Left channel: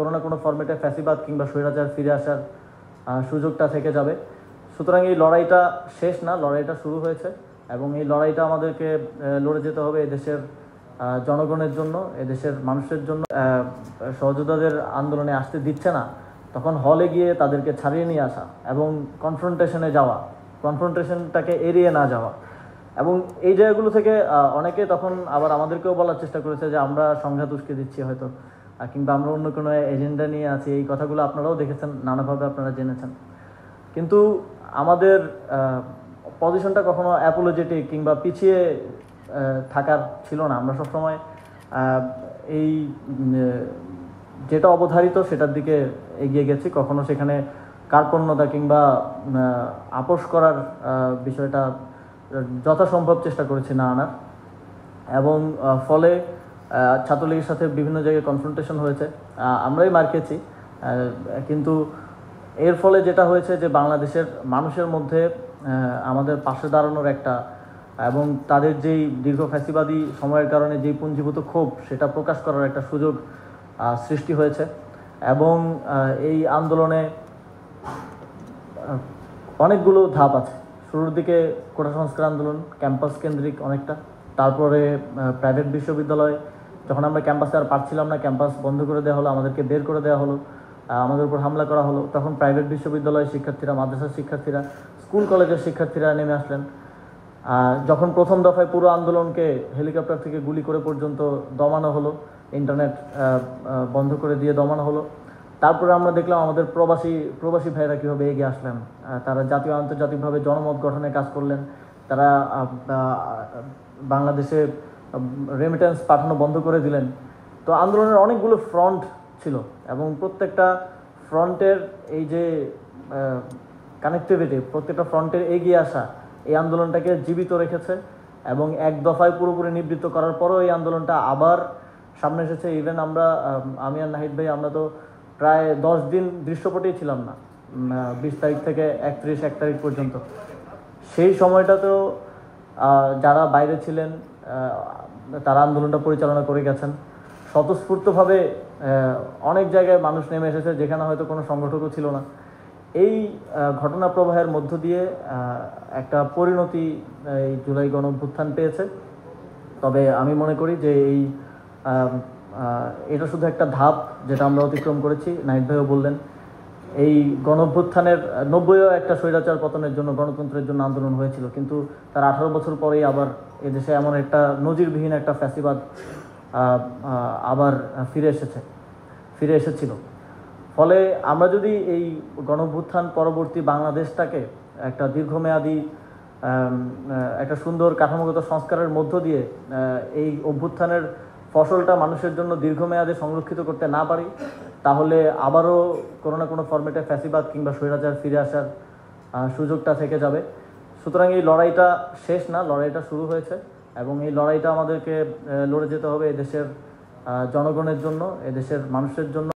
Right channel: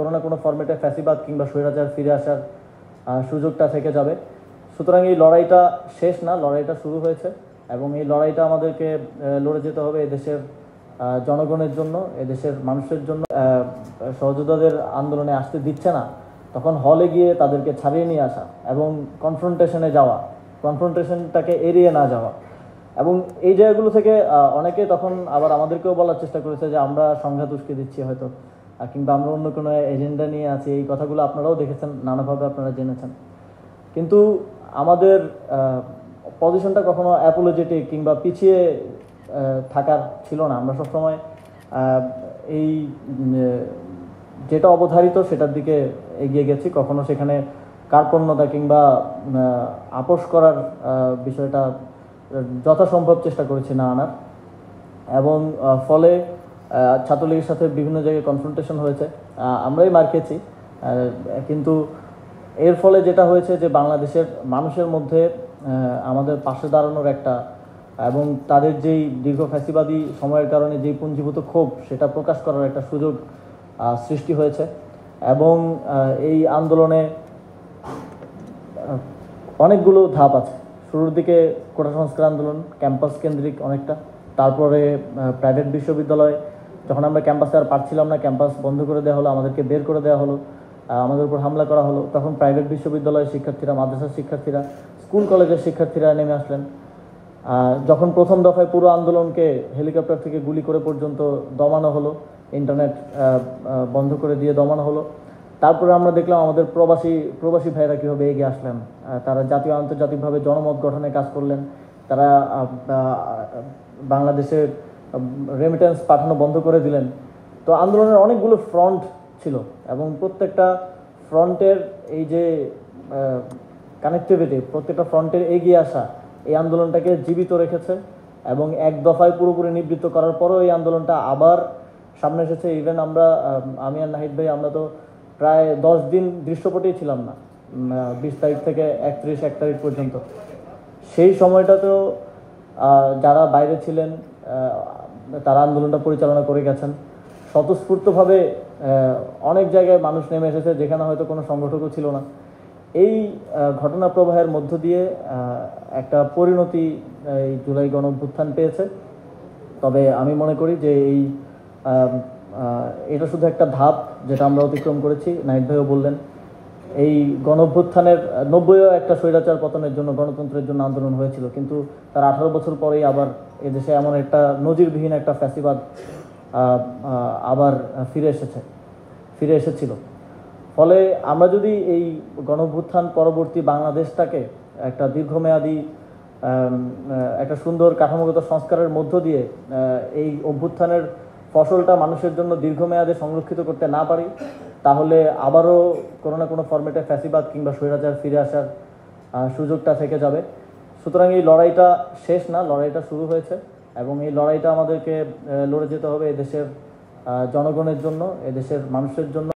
কোনো না কোনো ফরম্যাটে ফ্যাসিবাদ কিংবা স্বৈরাচার ফিরে আসার সুযোগটা থেকে যাবে। সুতরাং এই লড়াইটা শেষ না, লড়াইটা শুরু হয়েছে এবং এই লড়াইটা আমাদেরকে লড়ে যেতে হবে এদেশের জনগণের জন্য, এদেশের মানুষের জন্য। সহযোদ্ধাদের আন্দোলনে আসতে দিচ্ছে না, তখন হলে গিয়ে তাদেরকে ছাড়িয়ে নিয়ে আসা এবং কনফ্রন্টেশনে যাওয়া, কনফ্রন্টেশনটাকে এড়িয়ে না যাওয়া। এবং এই জায়গাগুলো থেকে অনেকে তখন আবার আমাদেরকেও বলার চেষ্টা করেছে যে আমরা সংঘাত উস্কে দিচ্ছি হয়তো, কিংবা আমরা অন্য কোনো এজেন্ডা নিয়ে আছি। এই কথাগুলো আপনারাও দেখেছেন, নানাভাবে আপনারা জেনেছেন। কিন্তু আমাদের পজিশনটা কখনো অ্যাপোলজেটিক কিংবা পিছিয়ে থাকার ছিল না। আমরা সবসময় এই যেটা অবধারিত সেটার দিকে এগিয়ে গেছি, কখনো সেখানে কার্পণ্যতা কিংবা আপোষ করার বিষয়টা যথাসম্ভব চেষ্টা করেছি না আনার। এবং ফলে ছাত্রলীগের সাথে বিভিন্ন জায়গায় কনফ্রন্টেশন হয়েছে, আমরাই মার খেয়েছি। কিন্তু এর ফলে যেটা হয়েছে যে বাংলাদেশের মানুষের মধ্যে আমাদের পাশে দাঁড়ানোর একটা এবং তাদের যেই দীর্ঘ ফ্যাসিবাদী সময়ের কারণে যেই পুঞ্জীভূত ক্ষোভ সেটা প্রকাশ করার একটা সুযোগ সৃষ্টি হয়েছে। এবং এই আন্দোলনে অনেকগুলো ধাপ আছে। শুরুর দিকে কোটা সংস্কার আন্দোলন ক্যাম্পাস কেন্দ্রিক অনেকটা, তারপরে প্রাইভেট বিশ্ববিদ্যালয়, যখন আমরা ক্যাম্পাসে আর পারছিলাম না, ক্যাম্পাস বন্ধ করে দেওয়া হলো, আমাদেরকে বের করে দেওয়া হলো, আমাদের উপর হামলা করা হলো, তখন প্রাইভেট বিশ্ববিদ্যালয়ের শিক্ষার্থীরা, মাদ্রাসার শিক্ষার্থীরা, স্কুল কলেজের শিক্ষার্থীরা নেমে আসলেন। যখন প্রথম দফায় পুরো আন্দোলনকে হেলিকপ্টার থেকে গুলি করে পর্যন্ত দমানো হলো, ইন্টারনেট বন্ধ করে দিয়ে দমানো হলো, তারপরে আমরা দেখলাম আমাদের প্রবাসী ভাইরা কীভাবে এগিয়ে আসলেন। তারা জাতীয় আন্তর্জাতিকভাবে জনমত গঠনে কাজ করলেন। তারা বাংলাদেশে রেমিটেন্স পাঠানো বন্ধ করে দিলেন। তো আন্দোলনের অনেকগুলো ফ্রন্ট ছিল এবং প্রত্যেকটা ফ্রন্টের এই যে কানেক্টিভিটি, প্রত্যেকটা ফ্রন্টের এগিয়ে আসা এই আন্দোলনটাকে জীবিত রেখেছে। এবং এক দফায় পুরোপুরি নিবৃত্ত করার পরও এই আন্দোলনটা আবার সামনে এসেছে। ইভেন আমি আর নাহিদ ভাই আমরা তো প্রায় 10 দিন দৃশ্যপটেই ছিলাম না, 20 তারিখ থেকে 31 তারিখ পর্যন্ত। সেই সময়টাতেও যারা বাইরে ছিলেন তারা আন্দোলনটা পরিচালনা করে গেছেন স্বতঃস্ফূর্তভাবে। অনেক জায়গায় মানুষ নেমে এসেছে যেখানে হয়তো কোনো সংগঠকও ছিল না। এই ঘটনা প্রবাহের মধ্য দিয়ে একটা পরিণতি এই জুলাই গণঅভ্যুত্থান পেয়েছে। তবে আমি মনে করি যে এটা শুধু একটা ধাপ যেটা আমরা অতিক্রম করেছি। নাহিদ ভাইও বললেন এই গণঅভ্যুত্থানের 90-ও একটা স্বৈরাচার পতনের জন্য, গণতন্ত্রের জন্য আন্দোলন হয়েছিল, কিন্তু তার 18 বছর পরেই আবার এদেশে এমন একটা নজিরবিহীন একটা ফ্যাসিবাদ আবার ফিরে এসেছিল। ফলে আমরা যদি এই গণঅভ্যুত্থান পরবর্তী বাংলাদেশটাকে একটা দীর্ঘমেয়াদী একটা সুন্দর কাঠামোগত সংস্কারের মধ্য দিয়ে এই অভ্যুত্থানের ফসলটা মানুষের জন্য দীর্ঘমেয়াদে সংরক্ষিত করতে না পারি, তাহলে আবারও কোনো না কোনো ফরম্যাটে ফ্যাসিবাদ কিংবা স্বৈরাচার ফিরে আসার সুযোগটা থেকে যাবে। সুতরাং এই লড়াইটা শেষ না, লড়াইটা শুরু হয়েছে এবং এই লড়াইটা আমাদেরকে লড়ে যেতে হবে এদেশের জনগণের জন্য, এদেশের মানুষের জন্য।